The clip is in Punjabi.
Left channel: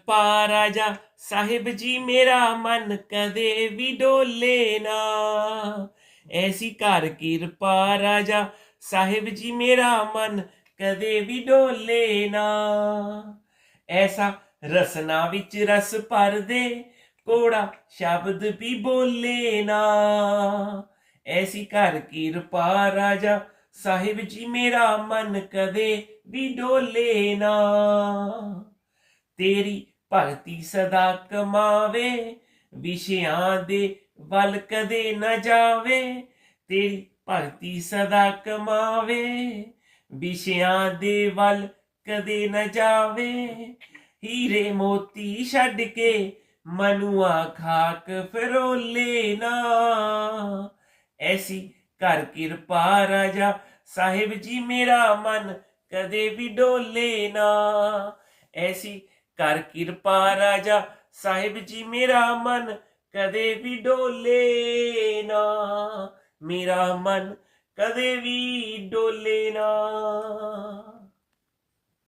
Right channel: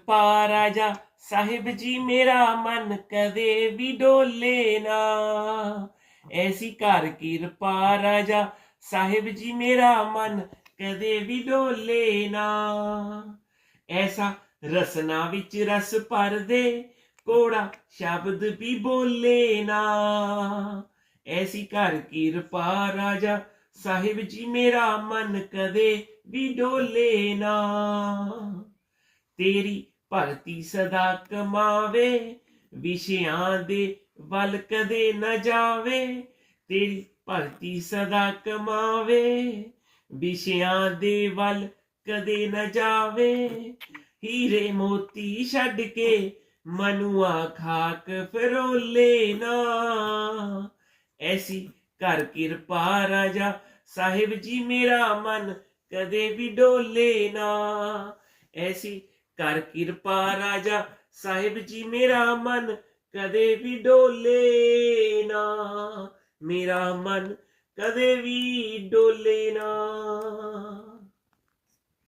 ਕਿਰਪਾ ਰਾਜਾ ਸਾਹਿਬ ਜੀ, ਮੇਰਾ ਮਨ ਕਦੇ ਵੀ ਡੋਲੇ ਨਾ। ਐਸੀ ਘਰ ਕਿਰਪਾ ਰਾਜਾ ਸਾਹਿਬ ਜੀ, ਮੇਰਾ ਮਨ ਕਦੇ ਵੀ ਡੋਲੇ ਨਾ। ਐਸਾ ਰਸਨਾ ਵਿੱਚ ਰਸ ਭਰ ਦੇ ਕੋੜਾ ਸ਼ਬਦ ਵੀ ਬੋਲੇ ਨਾ। ਐਸੀ ਘਰ ਕਿਰਪਾ ਰਾਜਾ ਸਾਹਿਬ ਜੀ, ਮੇਰਾ ਮਨ ਕਦੇ ਵੀ ਡੋਲੇ ਨਾ। ਤੇਰੀ ਭਗਤੀ ਸਦਾ ਕਮਾਵੇ, ਵਿਸ਼ਿਆਂ ਦੇ ਵੱਲ ਕਦੇ ਨਾ ਜਾਵੇ, ਤੇਰੀ ਭਗਤੀ ਸਦਾ ਕਮਾਵੇ, ਵਿਸ਼ਿਆਂ ਦੇ ਵੱਲ ਕਦੇ ਨਾ ਜਾਵੇ। ਹੀਰੇ ਮੋਤੀ ਛੱਡ ਕੇ ਮਨੁਆ ਖਾਕ ਫਰੋਲੇ ਨਾ। ਐਸੀ ਕਰ ਕਿਰਪਾ ਰਾਜਾ ਸਾਹਿਬ ਜੀ, ਮੇਰਾ ਮਨ ਕਦੇ ਵੀ ਡੋਲੇ ਨਾ। ਐਸੀ ਕਰ ਕਿਰਪਾ ਰਾਜਾ ਸਾਹਿਬ ਜੀ, ਮੇਰਾ ਮਨ ਕਦੇ ਵੀ ਡੋਲੇ ਨਾ। ਮੇਰਾ ਮਨ ਕਦੇ ਵੀ ਡੋਲੇ ਨਾ।